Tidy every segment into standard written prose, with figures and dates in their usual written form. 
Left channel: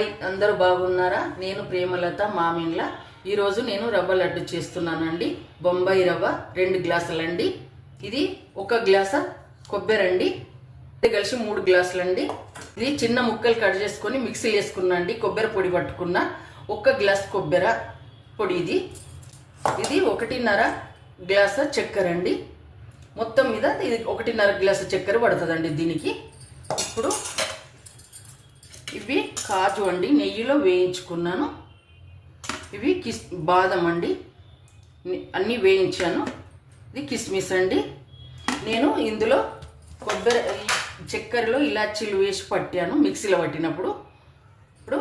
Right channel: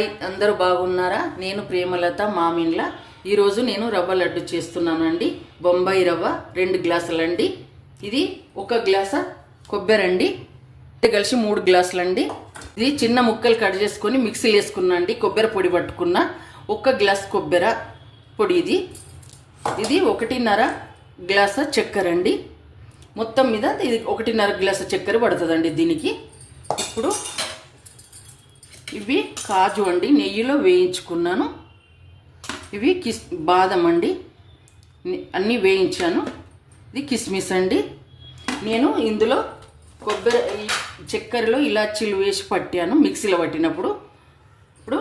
Hi, అందరూ బాగున్నారా? నేను ప్రేమలత మామిన్ల. ఈరోజు నేను రవ్వ లడ్డు చేస్తున్నానండి. బొంబాయి రవ్వ 2 గ్లాసులండి. ఇది 1 గ్లాసు కొబ్బరి అండి, కలిసి 3 గ్లాసులండి. ఇది చిన్న ముక్కలు కట్ చేసుకొని మిక్సీలో వేసుకున్నా అండి. కొబ్బరి పొడి పట్టుకున్న 1 గ్లాసు కొబ్బరి పొడి. ఇది 1.5 గ్లాసు చక్కెర అండి. మొత్తం మీద ఇది 1.5 గ్లాసు చక్కెర పడుతుందండి దీనికి. ఇప్పుడు ఇవి కాజు అండి, నెయ్యిలో వేయించుకున్నాను. ఇవి బాదం అండి, అన్నీ వేయించాను. ఇది కిస్మిస్ అండి. నేను ఇందులో కొబ్బరి చక్కెరలో ఇలాచీలు వేసి పట్టాను మిక్సీలో పట్టినప్పుడు. ఇప్పుడు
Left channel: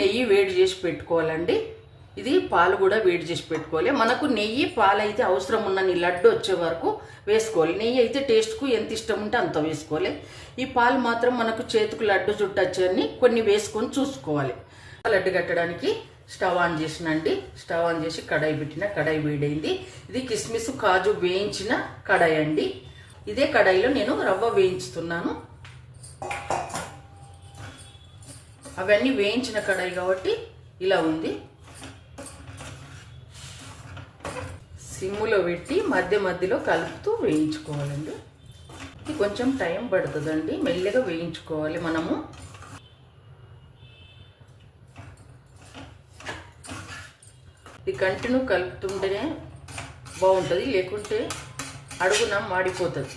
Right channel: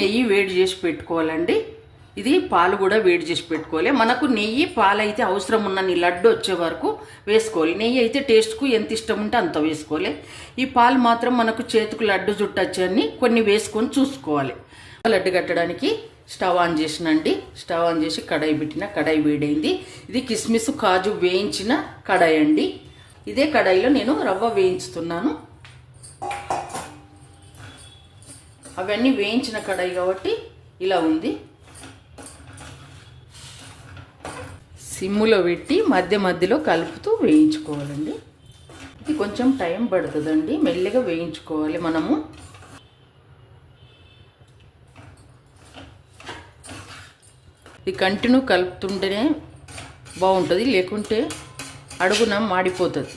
నెయ్యి వేడి చేసి పెట్టుకోవాలండి. ఇది పాలు కూడా వేడి చేసి పెట్టుకోవాలి. మనకు నెయ్యి పాలు అయితే అవసరం ఉన్నన్ని లడ్డు వచ్చే వరకు వేసుకోవాలి. నెయ్యి అయితే టేస్ట్కు ఎంత ఇష్టం ఉంటే అంత వేసుకోవాలి. ఈ పాలు మాత్రం మనకు చేతికి లడ్డు చుట్టచ్చని కొన్ని వేసుకొని చూసుకోవాలి. లడ్డు కట్టడానికి స్టవ్ ఆన్ చేసినండి. స్టవ్ ఆన్ చేసి కడాయి పెట్టిన, కడాయి వేడైంది. ఇది కిస్మిస్ కాజు వేయించిన కడాయి అండి. ఇదే కడాయిలో నేను రవ్వ వేయించుతున్నాను. అవన్నీ వేయించిన కడాయి కాబట్టి ఇలా ఉంది. సిమ్ములో పెట్టి మధ్య మధ్యలో కలుపుతూ వేయించుకోవాలండి. ఇది కొంచెం టైం పడుతుందండి, మెల్లగా వేయించుకోవాలి మనము. ఇది కంటిన్యూ కలుపుతుంటేనే బాగుంటుంది, లేకుంటే అడుగున మాడిపోతుంది.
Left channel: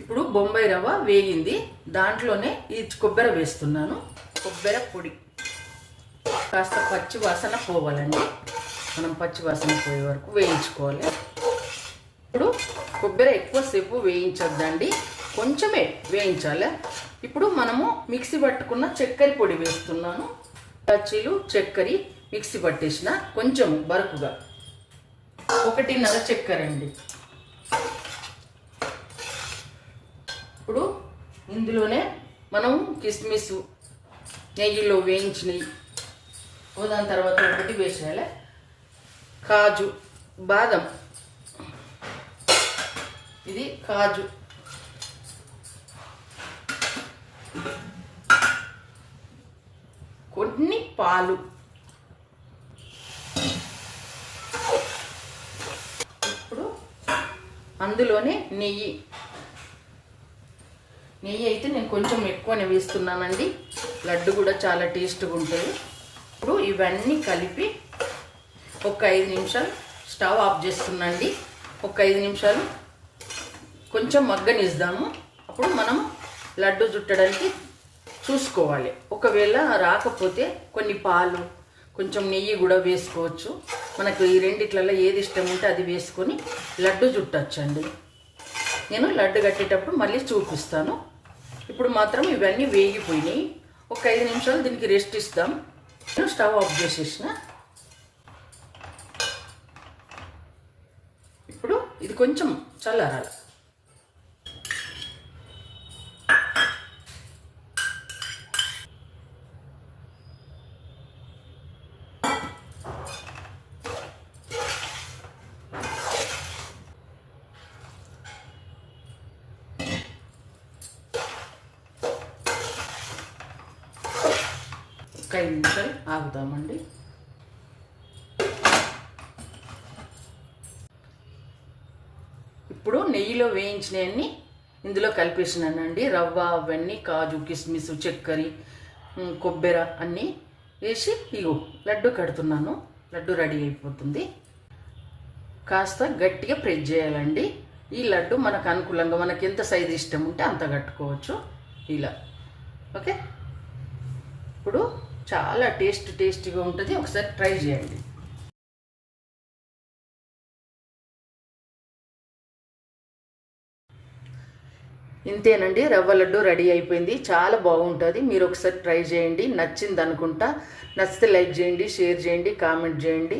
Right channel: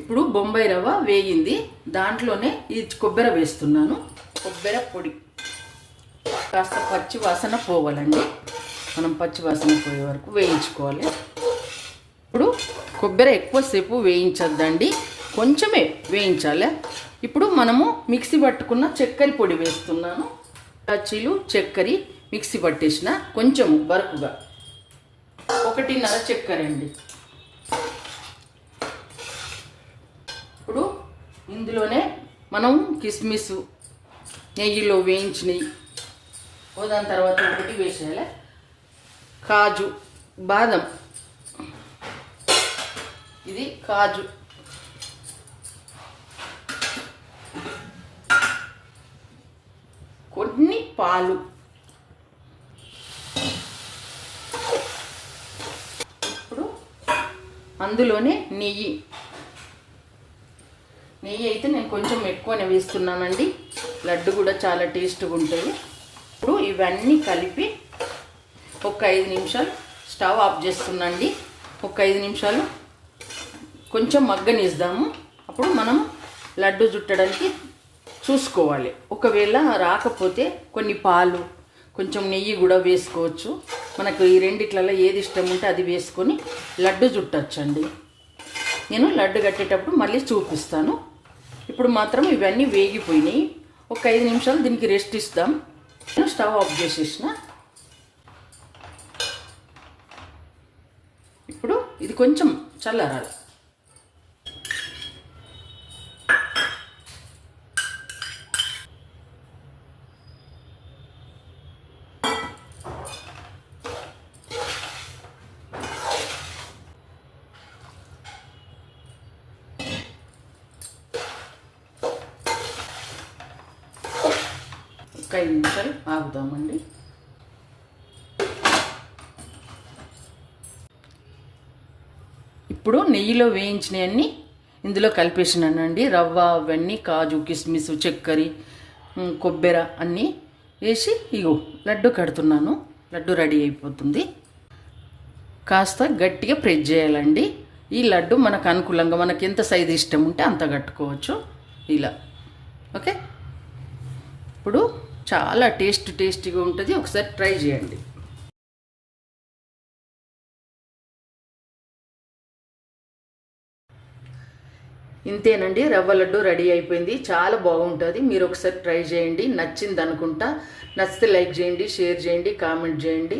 ఇప్పుడు బొంబాయి రవ్వ వేగింది, దాంట్లోనే ఈ కొబ్బరి వేస్తున్నాను. కొబ్బరి పొడి కాస్త పచ్చి వాసన పోవాలండి. మనం పచ్చి వాసన పోయే వరకు వేయించుకోవాలి. ఇప్పుడు కొబ్బరి ఎక్కువసేపు వేయించొద్దండి, కొంచెమే వేయించాలి. ఇప్పుడు మనము మిక్సీ పట్టుకున్న చక్కెర పొడి వేస్తున్నాను. ఇలాచీలు చక్కెర మిక్సీ పట్టేసిన కొంచెం బరుకుగా 1.5 చక్కెర అండి. ఇప్పుడు ఇందులోనే మనం కిస్మిస్ నెయ్యిలో వేయించినవి దాని తర్వాత ఒకటి వేసేయాలి. కాజు బాదం, ఇది కాజు, కొన్ని పాలు, ఇప్పుడు అందులోనే నెయ్యి అయితే నేను కొంచెం ఎక్కువనే వేస్తున్నానండి. లడ్డు కూడా చాలా టేస్ట్గా ఉంటుంది. ఇప్పుడు ఇవన్నీ కలిపి ఒక 5 నిమిషాలు స్టవ్ ఆఫ్ చేస్తున్నాండి. ఒక 5 నిమిషాలు కొంచెం మగ్గనిద్దాము. అప్పుడు మనం లడ్డు చుట్టడానికి చూసుకోవాలి. ఒకవేళ రాకపోతే కొన్ని పాలు, కొంచెం నెయ్యి కూడా వేసుకోవచ్చు. మనకు ఈ రెండిట్లలో ఏది ఇష్టం ఉంటే అది వేసుకొని లడ్డు చుట్టచ్చండి. నేను లడ్డు కట్టేటప్పుడు మళ్ళీ చూపిస్తాను. ఇప్పుడు మాత్రం ఇవన్నీ వేగిపోయినాయి. ఒక 5 నిమిషాలు దీనికి రెస్ట్ ఇస్తాం. నేను స్టవ్ ఆఫ్ చేసేసిన. ఇప్పుడు ఇది కొంచెం చల్లారాలి. ఒక 5 నిమిషాలు ఆగుదామండి. ఇప్పుడు నెయ్యిలో వేయించినవన్నీ ఇందులో కలిపేసినానండి. రవ్వ అవన్నీ, కాజు కిస్మిస్ చక్కెర కొబ్బరి అన్నీ వేసి ఇగో లడ్డు కడుతున్నాను. లడ్డు రెడీ అయిపోతుంది. కాస్త గట్టిగా ప్రెస్ చేయాలండి. ఈ లడ్డు మనకు అనుకూలంగా మనకి ఎంత సైజు ఇష్టం ఉంటే అంత కట్టుకోవచ్చు ఇలా. ఓకే, ఇప్పుడు చాలా టేస్టీగా ఉంటుంది. ఒకసారి ట్రై చేయండి. ఇంతేనండి, రవ్వ లడ్డు రెడీ అయిపోయింది. చాలా బాగుంటుంది. మీరు ఒకసారి ట్రై చేయండి. నచ్చింది అనుకుంటా. నచ్చితే లైక్ చేయండి, షేర్ చేయండి, కామెంట్ చేయండి.